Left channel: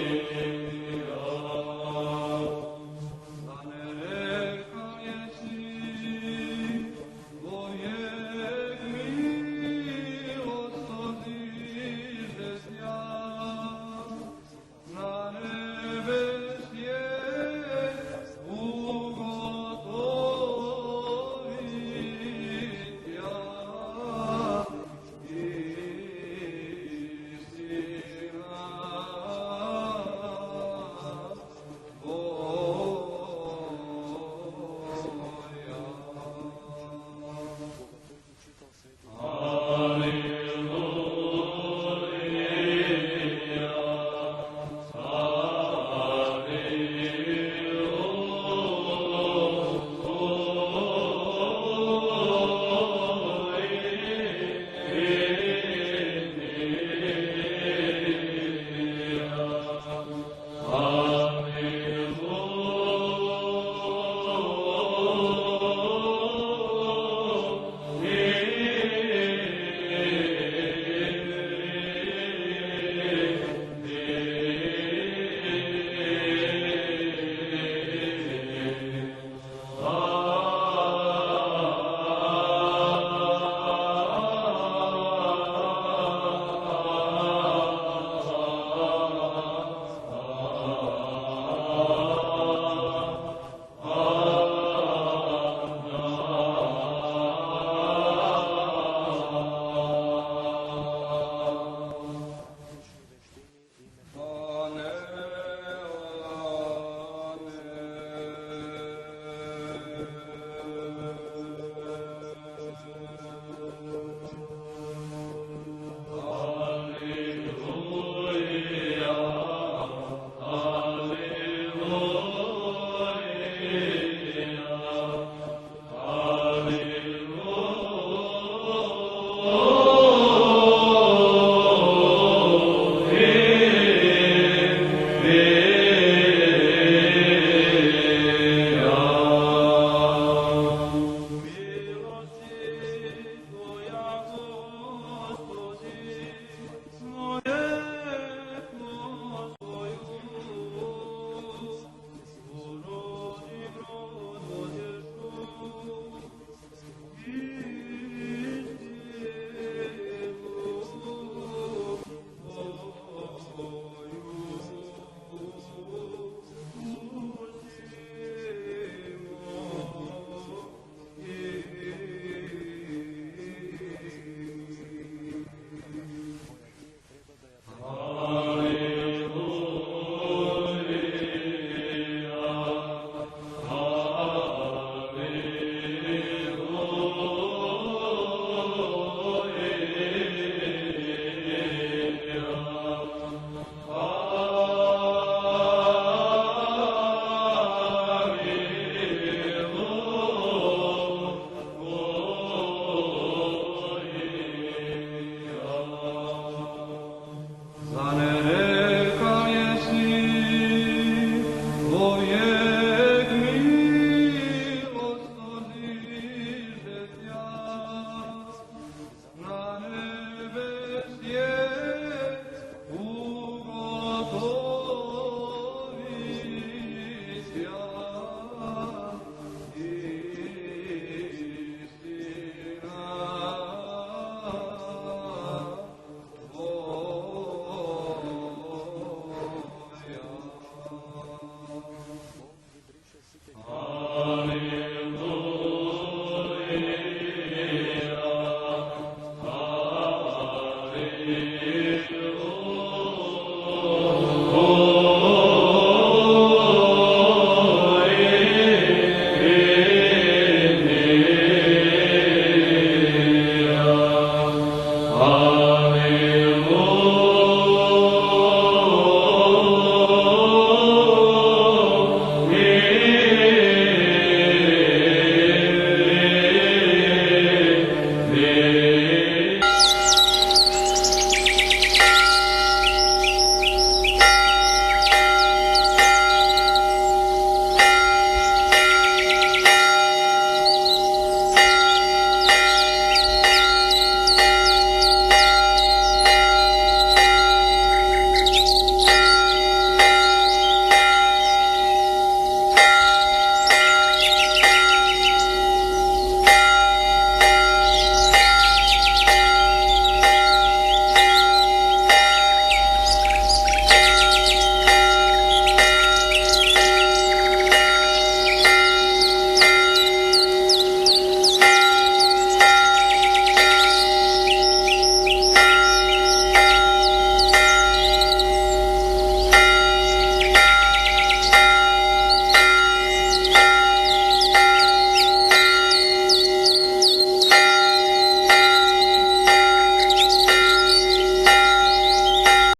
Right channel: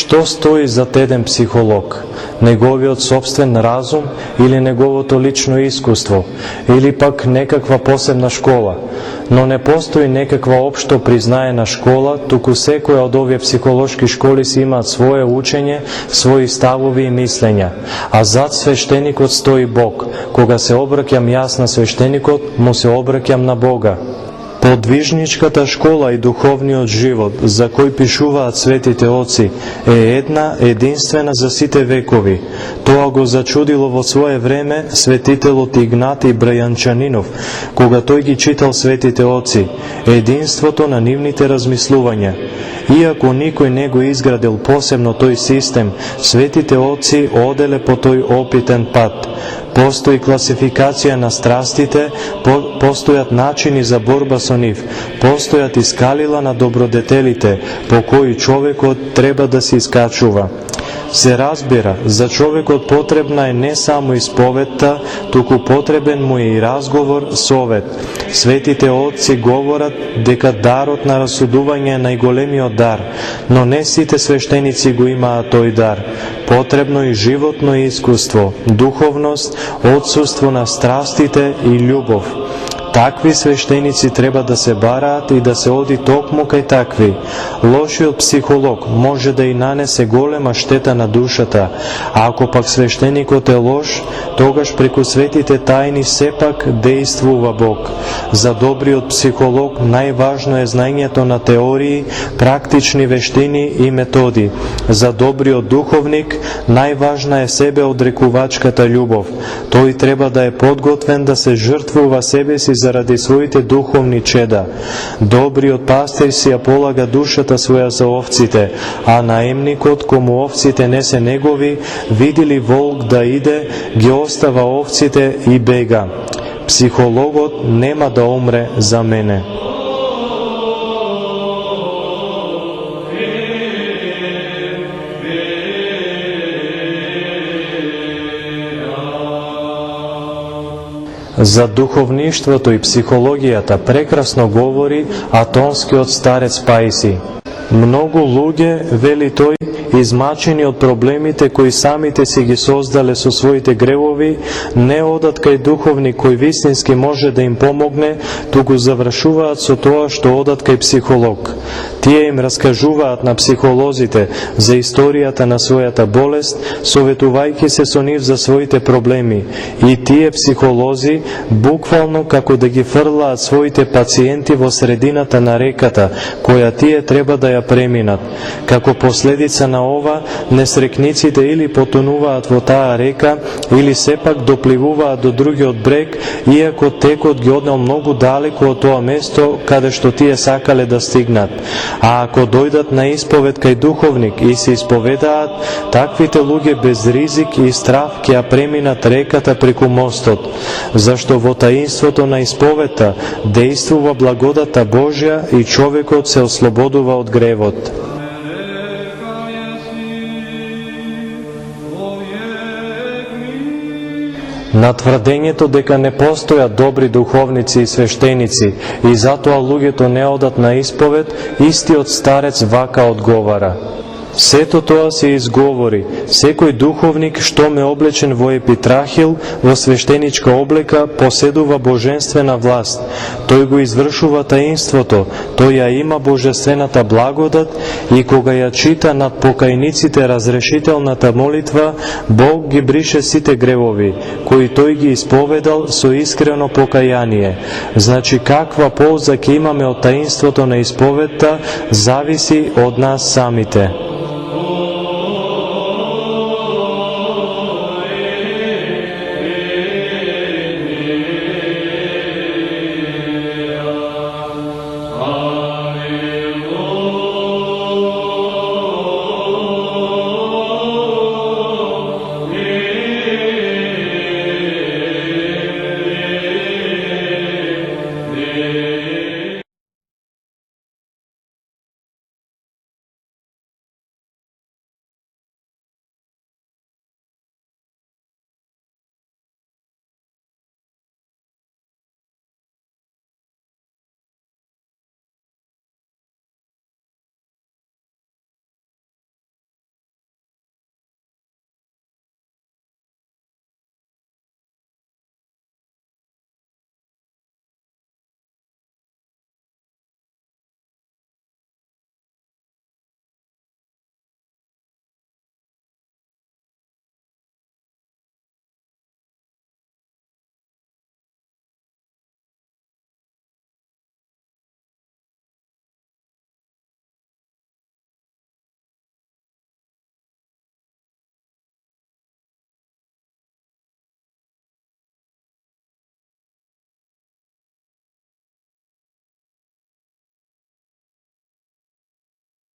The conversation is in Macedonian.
што стои зад еден психолог? Неговиот собствен разум или неговото лично искуство, или пак некаква посебна школа? Но не постои некаква општо признаена школа, туку секоја од овие психолошки школи си имаат свое учење, своји ставови и мислења. А зад свештеникот стои Бог. Кога се обраќам јас на свештеникот, му се обраќам на Бога. Подвижничката школа и духовниот живот, за кој пишуваат светите оци, е една, единствена за сите векови. Тоа го зачудило во свое време светителот Игнатий Брајанчанинов, кога тој ги читал светите оци, единството на нивните размислувања. Иако никој не го изградил посебно тој систем, светите оци оделе по тој опитен пат. Постои класификација на страстите, постојат начини за борба со нив, постојат и скалила на добродетелите, по кои човекот треба да се искачува. Се разбира, за човекот потребна е не само исповетта, туку потребен му е и разговор, совет. Светите отци говорат дека дарот на расудување е најголемиот дар, но не сите свештеници го имаат тој дар. Потребно и животно искуство, духовност, отсуство на страстите и љубов. Такви свештеници треба да се бараат и да се оди токму кај такви. Лошиот психолог може да и нанесе голема штета на душата, а ако пак свештеникот е лош, тогаш преку светите тајни сепак действува Бог. За добриот психолог најважно е знаењето на теории, практични вештини и методи. За добриот духовник најважна е себеодрекувачката љубов. Тој треба да е подготвен да се жртвува себе си заради своите духовни чеда. Добриот пастир си ја полага душата своја за овците, а наемникот, кому овците не се негови, види ли волк да иде, ги остава овците и бега. Психологот нема да умре за мене. За духовништвото и психологијата прекрасно говори атонскиот старец Паиси. Многу луѓе, вели тој, измачени од проблемите кои самите си ги создале со своите гревови, не одат кај духовник кој вистински може да им помогне, туку завршуваат со тоа што одат кај психолог. Тие им раскажуваат на психолозите за историјата на својата болест, советувајќи се со нив за своите проблеми. И тие психолози, буквално како да ги фрлаат своите пациенти во средината на реката, која тие треба да ја преминат. Како последица на ова, несрекниците или потонуваат во таа река, или сепак допливуваат до другиот брег, иако текот ги однел многу далеку од тоа место каде што тие сакале да стигнат. А ако дојдат на исповед кај духовник и се исповедаат, таквите луѓе без ризик и страв ќе ја преминат реката преку мостот, зашто во таинството на исповедта действува благодата Божја и човекот се ослободува од гревот. На тврдењето дека не постојат добри духовници и свештеници и затоа луѓето не одат на исповед, истиот старец вака одговара: сето тоа се изговори. Секој духовник што ме облечен во епитрахил, во свештеничка облека, поседува божествена власт. Тој го извршува таинството, тој ја има божествената благодат и кога ја чита над покајниците разрешителната молитва, Бог ги брише сите гревови, кои тој ги исповедал со искрено покаяние. Значи каква полза ќе имаме од таинството на исповедта, зависи од нас самите.